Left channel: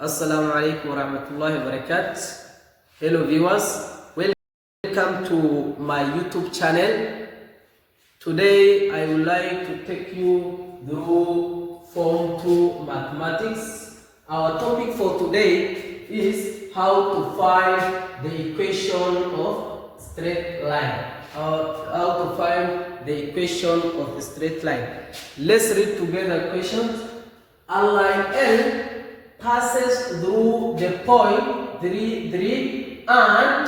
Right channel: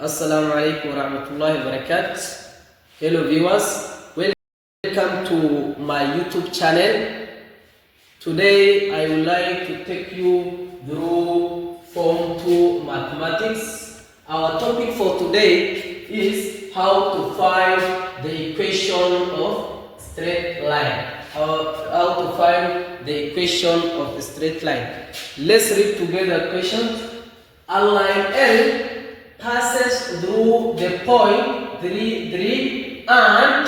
Assalamu alaikum warahmatullahi wabarakatuh. Hello viewers, welcome to my YouTube channel. Today I would like to take you through Form 2 Mathematics. Our topic for today is how to find the equation of straight line. How to find the equation of the straight line. Let's read together questions. A line L passes through the point 3, 3 and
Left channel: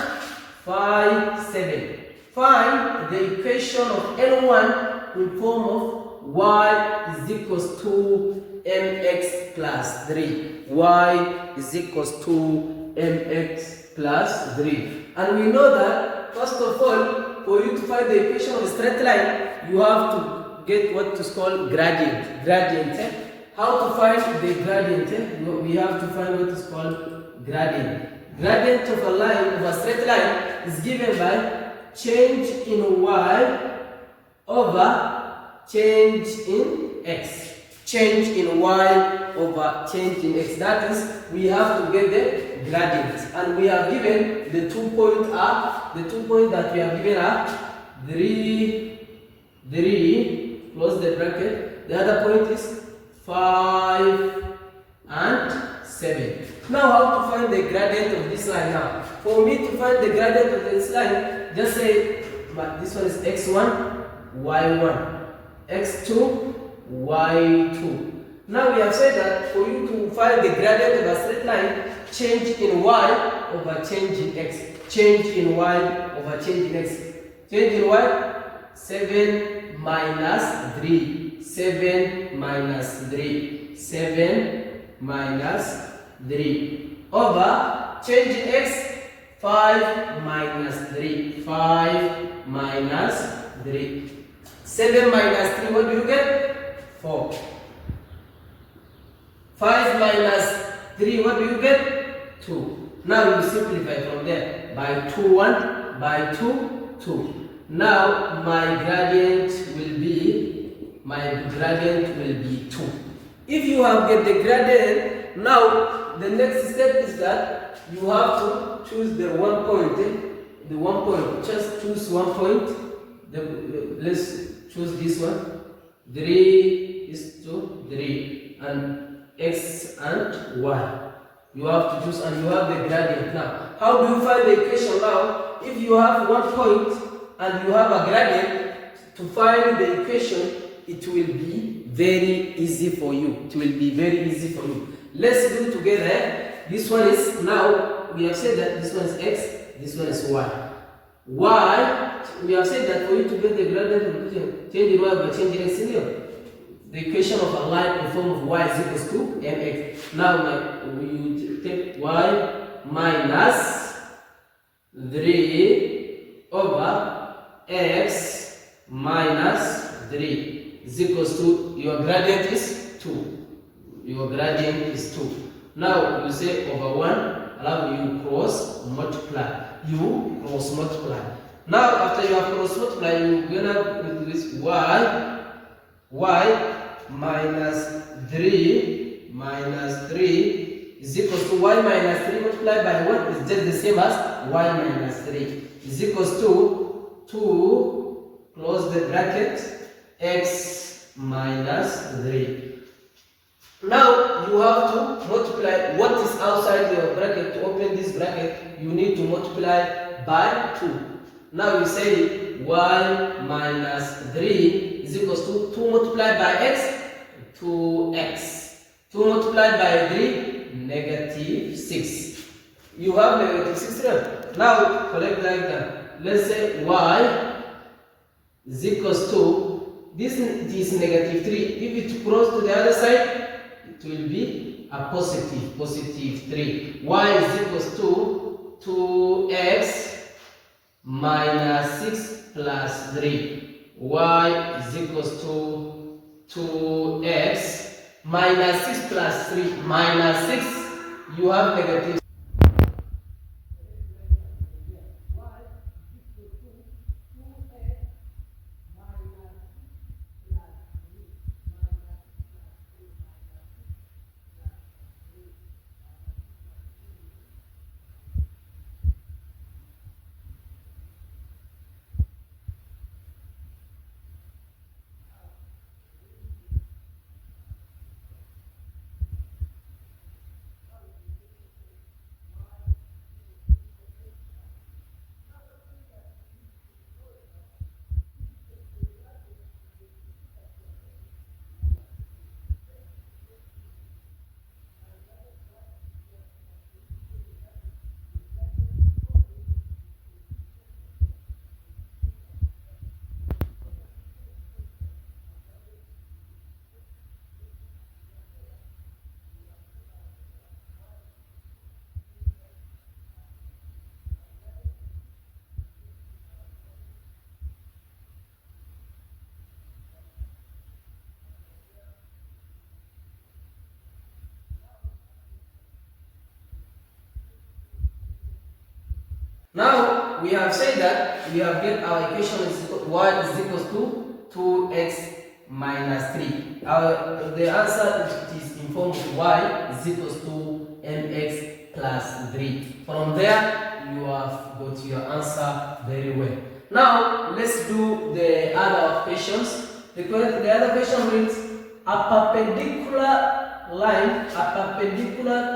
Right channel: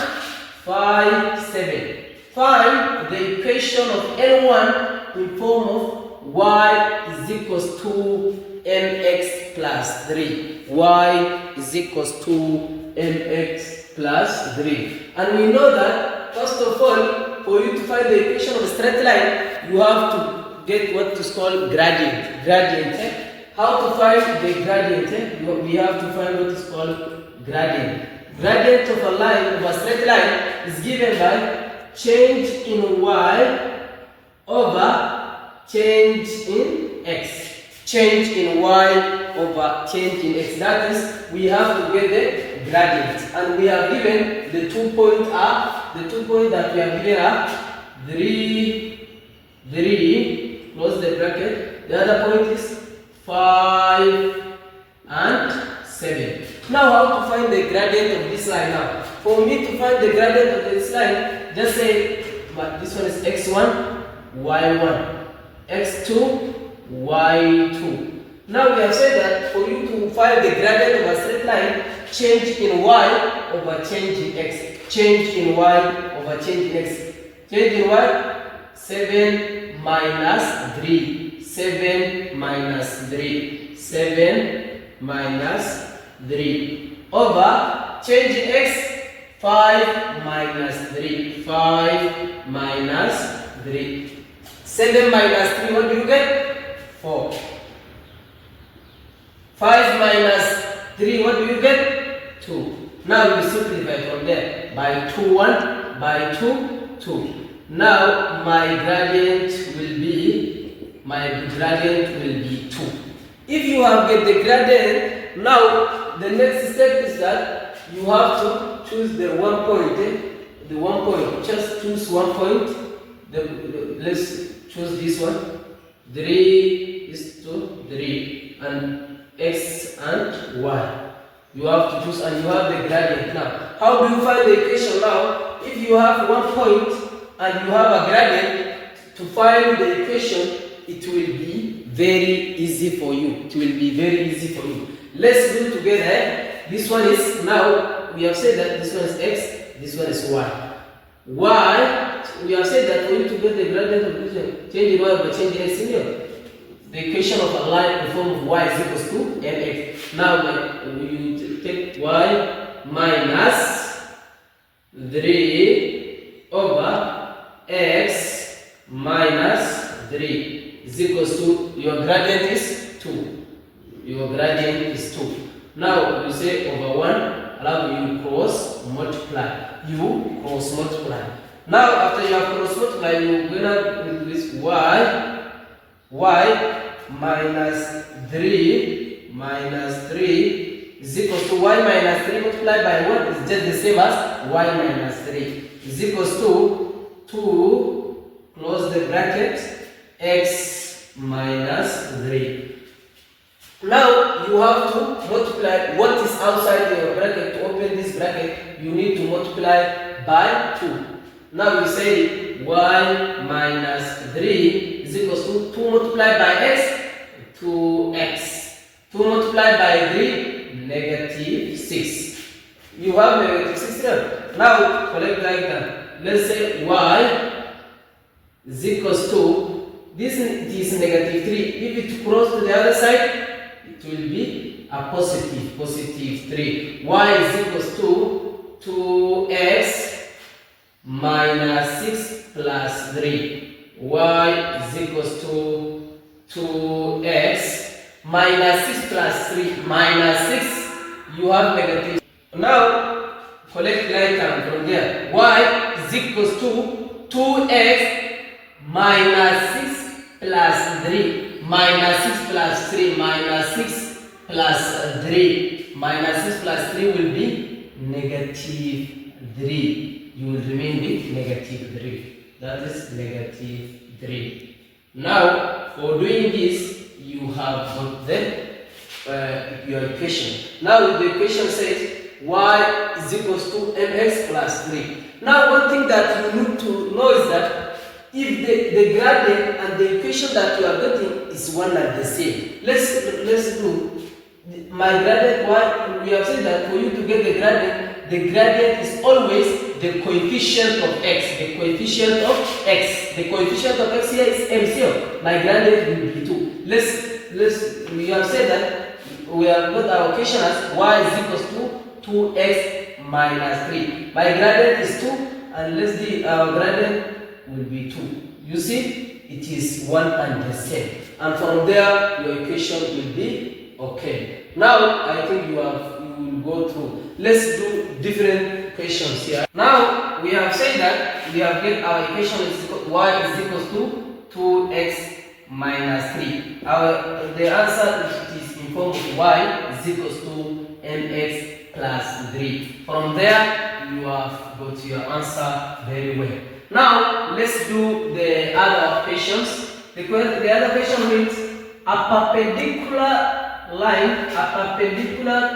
5, 7. Find the equation of L1 in form of y is equals to mx plus 3. Y is equals to mx plus 3. And we know that, first of all, for you to find the equation of a straight line, you have to get what is called gradient. How to find the gradient? We have to find what is called gradient. Gradient of a line, of a straight line, is given by change in y over change in x. Change in y over change in x. That is, we have to get the gradient. And we have given the 2 points that we have given are 3, close the bracket. The other point is 5 and 7. Now how to find the gradient of this line now? For me to find the gradient of this line, just say this one is x1, y1, x2, y2. Now we have said that for you to find the gradient of a straight line, change in y over change in x. Change in y over change in x. Change in y, 7 minus 3. 7 minus 3, 7 minus 3 over change in x, 5 minus 3, 5 minus 3. 7 minus 3, what do you get? 4. 5 minus 3, what do you get? 2. Now we simplify from there by 2, 1, by 2, 2. Now my gradient will be 2. If you have get the gradient, now the next step is that you have to choose the 1 point. The 1 point. Just choose 1 point. Let's choose this one. 3 is to 3 and x and y. You have to choose and you have the gradient. Now, how do you find the equation now? If you have 1 point and you have a gradient, to find the equation, it will be very easy for you. Let's do it together. This one is, now we have said that this one is x, this one is y. Y, we have said that for you to get the gradient of the equation, change in y by change in x, the equation of a line in the form of y is equals to mx. Now you take y minus 3 over x minus 3 is equals to, your gradient is 2. Your gradient is 2. Now you say over 1, allow you cross multiply. You cross multiply. Now after you have cross multiply, you going to do this y minus 3 is equals to y minus 3 multiplied by 1 is just the same as y minus 3 is equals to 2, close the bracket, x minus 3. Now you have to multiply what is outside your bracket. To open this bracket, you need to multiply by 2. Now you say y minus 3 is equals to 2 multiplied by x, 2x. 2 multiplied by 3, negative 6. You have negative 6 here. Now collect like that. Let's say y is equals to, this is negative 3. If it cross to the other side, it will be a positive 3. Y is equals to 2x minus 6 plus 3. Y is equals to 2x minus 6 plus 3 minus 6. You have negative. Now collect like term from there. Y is equals to 2x minus 6 plus 3 minus 6 plus 3 minus 6 plus 3 minus 6 plus 3 will be negative 3. You will remain with negative 3. That is negative 3. Now, for doing this, you have got your equation. Now, the equation says y is equals to mx plus 3. Now, one thing that you need to know is that if the gradient and the equation that you are getting is one and the same. Let's do my gradient. Why we have said that for you to get the gradient is always the coefficient of x. The coefficient of x. The coefficient of x here is MCO. My gradient will be 2. We have said that we have got our equation as y is equals to 2x minus 3. My gradient is 2, and let's see our gradient will be 2. You see, it is one and the same. And from there, your equation will be okay. Now, I think you will go through. Let's do different equations here. Now, we have said that we have get our equation is y is equals to 2x minus 3. The answer is in form of y is equals to mx plus 3. From there, you have got your answer very well. Now, let's do the other equations. The other equation means a perpendicular line,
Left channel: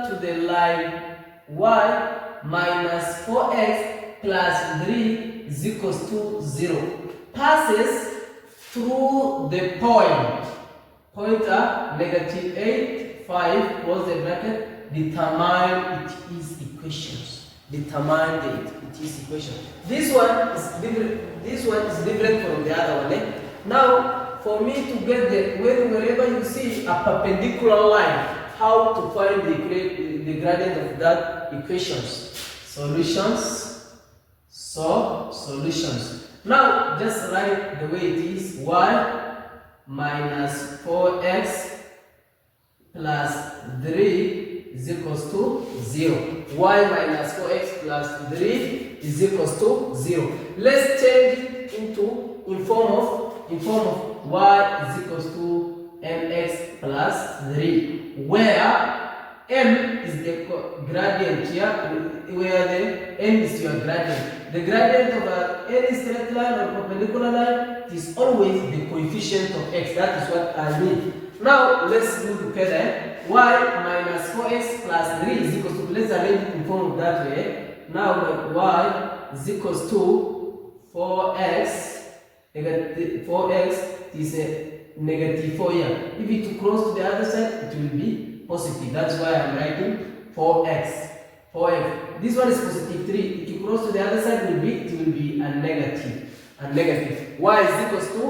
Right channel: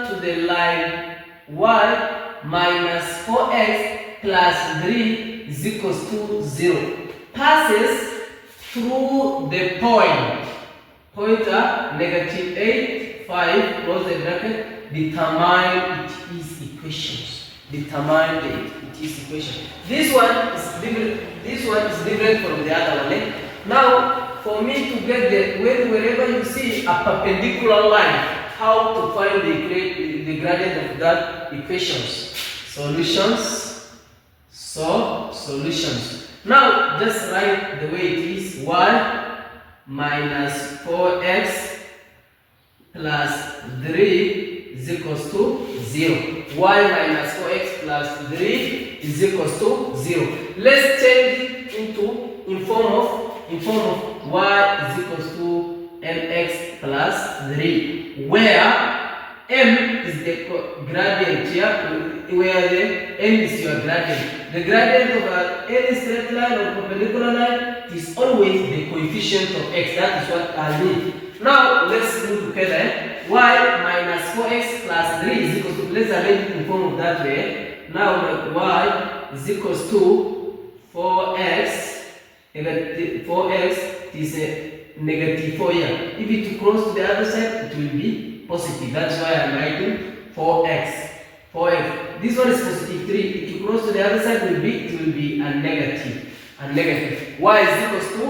to the line y minus 4x plus 3 is equals to 0 passes through the pointer negative 8, 5, close the bracket, determine it is equations. Determine it is equation. This one is different from the other one. Eh? Now, for me to get wherever you see a perpendicular line, how to find the gradient of that equations? Solutions. Solutions. Now, just write the way it is: y minus 4x plus 3 is equals to 0. Y minus 4x plus 3 is equals to 0. Let's change it in form of y is equals to mx plus 3, where m is the gradient here, where the m is your gradient. The gradient of any straight line or perpendicular line is always the coefficient of x. That is what I need. Now let's do together. Y minus 4x plus 3 is equals to, let's arrange it in form of that way. Now my y is equals to 4x, negative 4x is a negative 4 here. If it cross to the other side, it will be positive. That's why I'm writing 4x. 4x. This one is positive 3. If you cross to the other side, it will be a negative. Y is equals to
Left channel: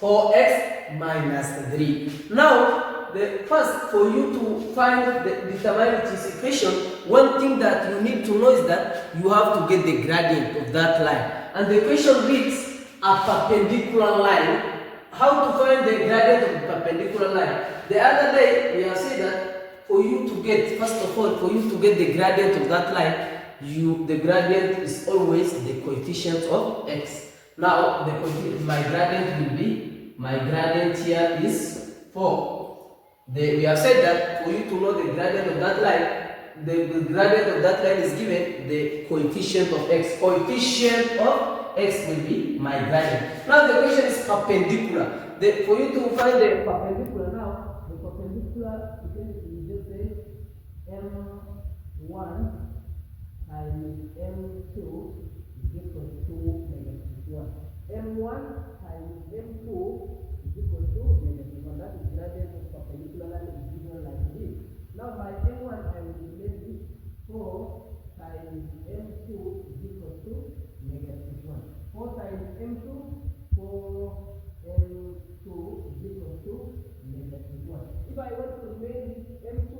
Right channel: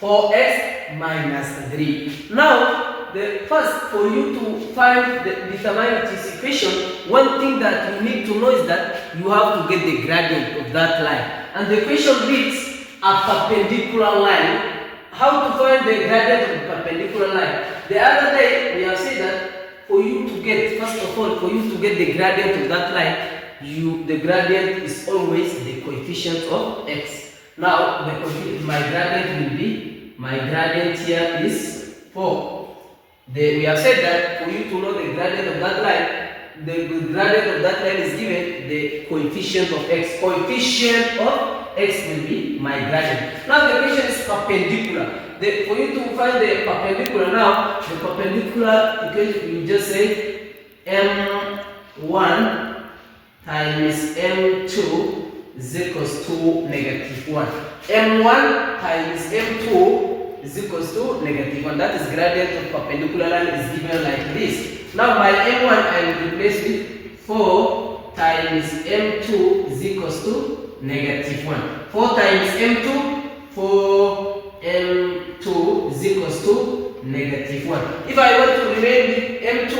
4x minus 3. Now, first, for you to find the determinant equation, one thing that you need to know is that you have to get the gradient of that line. And the equation reads a perpendicular line. How to find the gradient of the perpendicular line? The other day, we have said that for you to get, first of all, for you to get the gradient of that line, the gradient is always the coefficient of x. Now, my gradient here is 4. We have said that for you to know the gradient of that line, the gradient of that line is given the coefficient of x. Coefficient of x will be my gradient. Now the equation is perpendicular. For you to find the perpendicular now, the perpendicular equation, you just say m1 times m2 is equals to negative 1. m1 times m2 is equals to negative 1. That is gradient of perpendicular line is given like this. Now my m1 I will replace with 4 times m2 is equals to negative 1. 4 times m2, 4 m2 is equals to negative 1. If I want to remain with m2,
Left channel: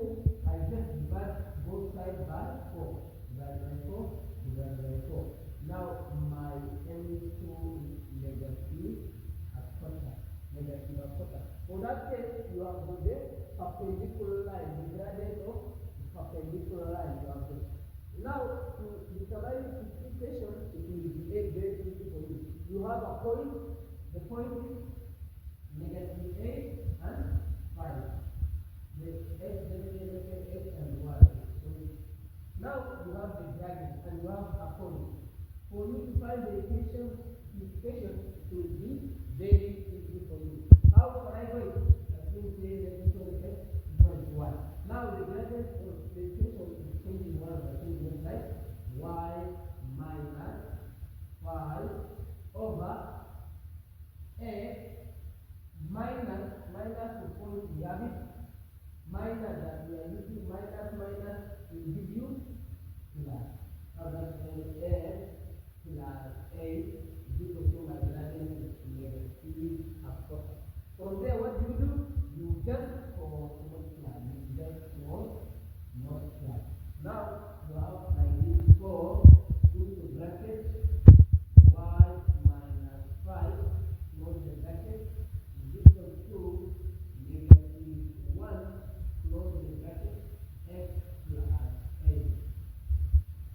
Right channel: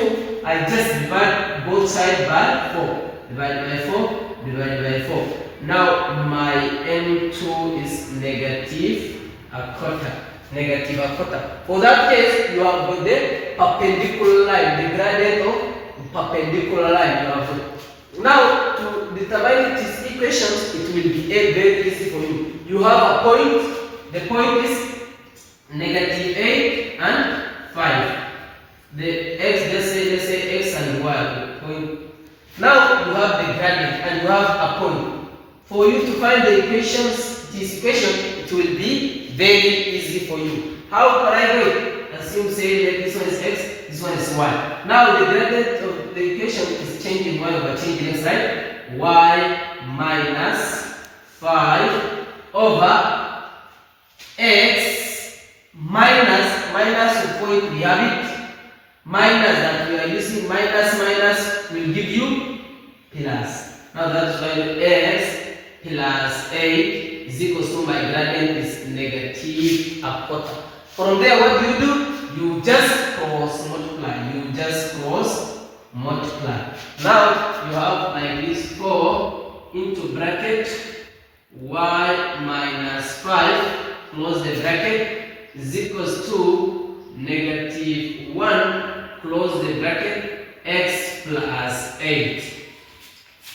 I just divide both sides by 4. Divide by 4, divide by 4. Now my m2 is negative a quarter. Negative a quarter. For that case, you have got the perpendicular line, the gradient of perpendicular line. Now, to determine its equations, it will be very easy for you. You have a point. The point is negative 8 and 5. The x, let's say x and y. gradient and you have a point. For you to find the equations, this equation, it will be very easy for you. How can I do it? Assume say that this one is x, this one is y. Now the gradient of the equation is changing y over changing x, right? Y minus 5 over x minus the point we have it. Minus that we are using, minus will give you plus. Now that's why x plus 8 is equals to my gradient is negative a quarter. From there, what do? You just cross multiply. Now you have like this 4 into bracket y minus 5 close the bracket is equals to negative 1 close the bracket x plus 8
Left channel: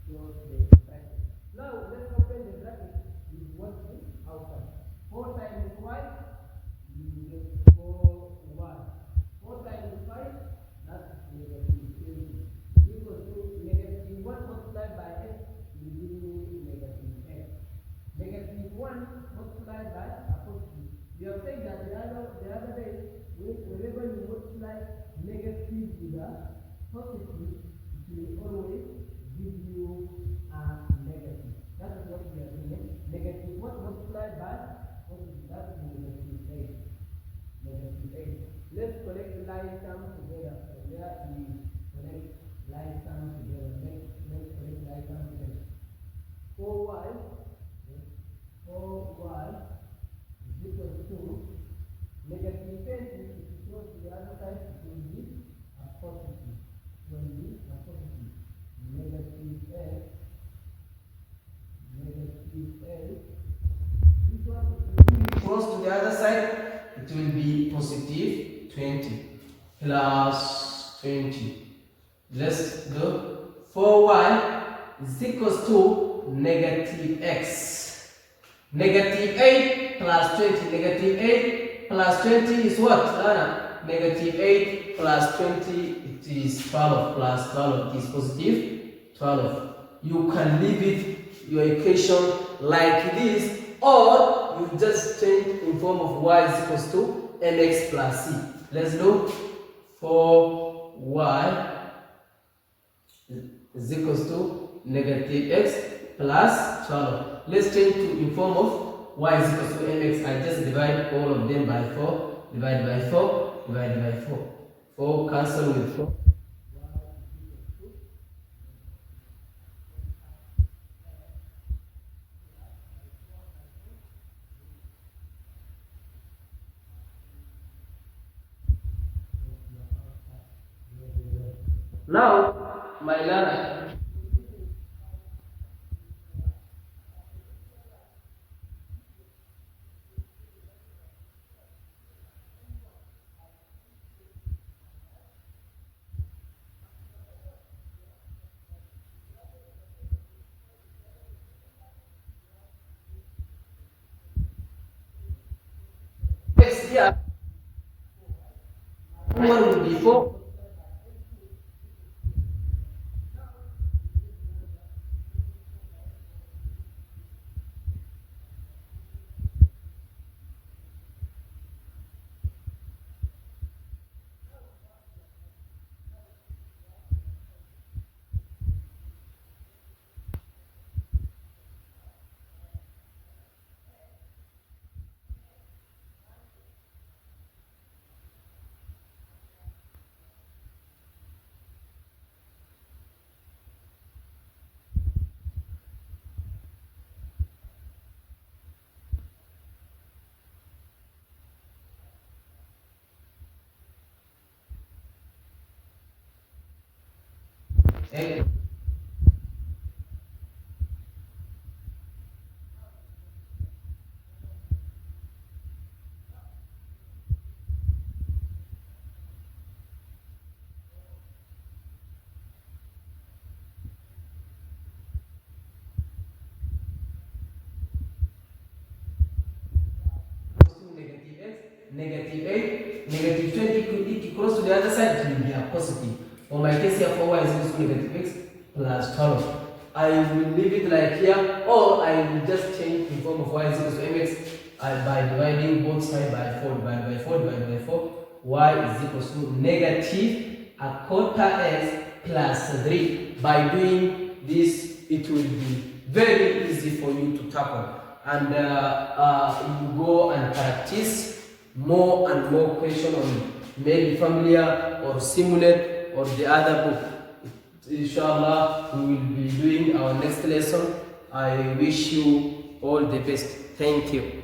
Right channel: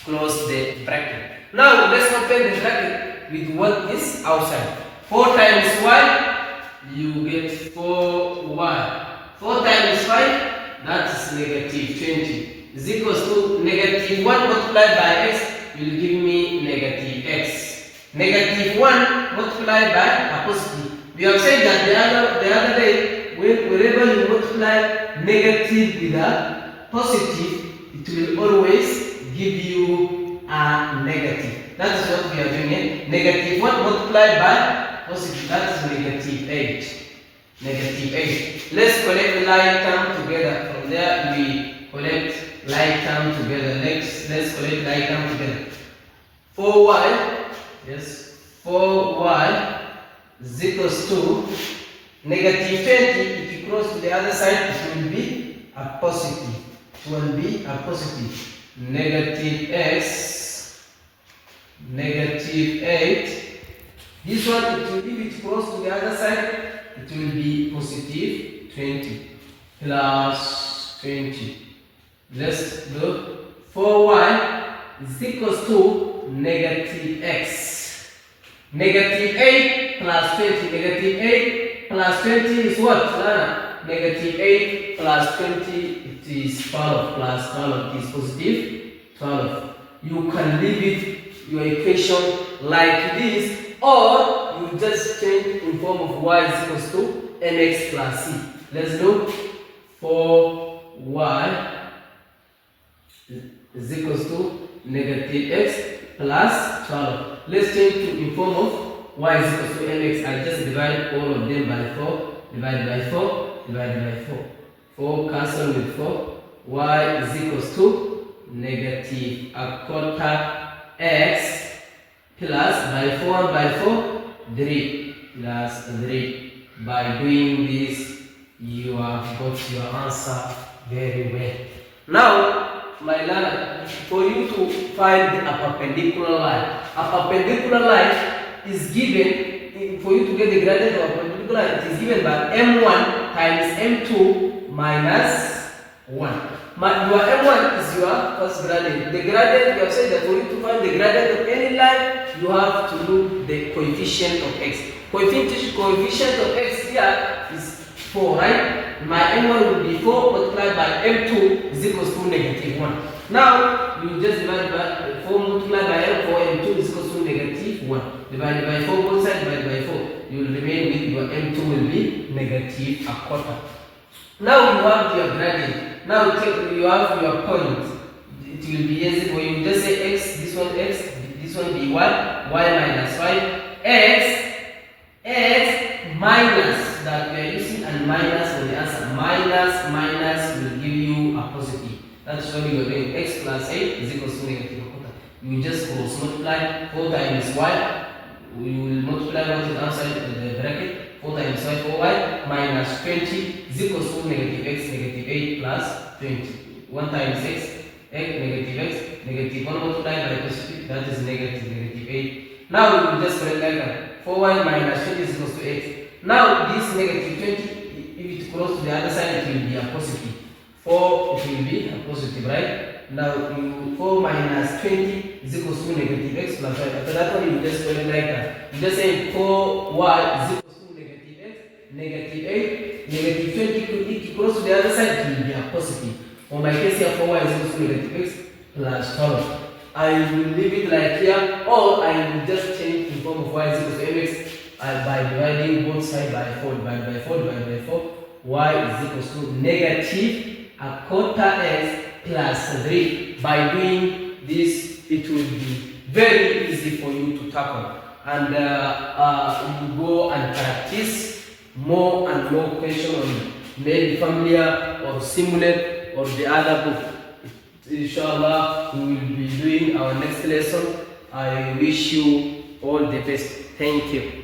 close the bracket. Now let's open the bracket with what is outside. 4 times y, you get 4y. 4 times 5, that is negative 20. Is equals to negative 1 multiplied by x will give me negative x. Negative 1 multiplied by a positive. We have said that the other day, whenever you multiply negative with a positive, it will always give you a negative. That is what we are doing here. Negative 1 multiplied by positive, that is negative 8. Negative 8. Let's collect like term together. From there we collect like term together. Let's collect like term together. 4y, yes, 4y is equals to negative 20. If you cross to the other side, it will be a positive. It will be a positive. Negative x, negative 8. This one, if it cross to the other side, it will be positive 20 plus 20. Let's do 4y is equals to negative x. Negative 8 plus 20. Negative 8 plus 20 is what? Negative 8 plus 20, it is 12 plus 12, it is positive 12. You can leave it, your equation like this, or you just change in form of y is equals to mx plus c. Let's look. 4y is equals to negative x plus 12. Let's change to in form of y is equals to mx. I just divide all of them by 4. Divided by 4. Divided by 4. 4 cancel with 4. Y is equals to negative a quarter x plus by 4 by 4 3 plus 3. By doing this, you have got your answer very well. Now, my learner, for you to find a perpendicular line, a perpendicular line is given, for you to get the gradient of a perpendicular line, it is given by m1 times m2 minus 1. Your m1 is your first gradient. The gradient, we have said that for you to find the gradient of any line, you have to look the coefficient of x. Coefficient of x here is 4, right? My m1 will be 4 multiplied by m2 is equals to negative 1. Now, you just divide by 4 multiplied by m4, m2 is equals to negative 1. Divided by 4, both sides divided by 4. You will remain with your m2 will be negative a quarter. Now you have your gradient. Now you have your point. It will be easy for you. Just say x, this one be y minus 5, x minus that we are using, and minus for the answer. Minus will give you a positive. That's why we are doing x plus 8 is equals to negative a quarter. You just cross multiply 4 times y. We will multiply what is outside the bracket. 4 times y, 4y minus 20 is equals to negative x, negative 8 plus 20. 1 times x, negative 1 multiplied by positive, that is negative 8. Now we will just correct like that. 4y minus 20 is equals to 8. Now this negative 20, if it cross to the other side, it will be a positive. 4, it will be a positive, right? Now 4 minus 20 is equals to negative x plus 5. After that one, you just correct like that. You just say 4y is equals to negative x, negative 8, negative 20, if it cross to the other side, it will be a positive. For my case here, 4y is equals to negative x plus 12. I will leave it like here, or I will just change the form of y is equal to mx by dividing both sides by 4 divided by 4 divided by 4. Y is equal to negative a quarter s plus 3. By doing this, it will be very easy for you to tackle. And you go and practice more and more questions on made familiar or simulate or the other book. Inshallah, we will be doing our next lesson. I wish you all the best. Thank you.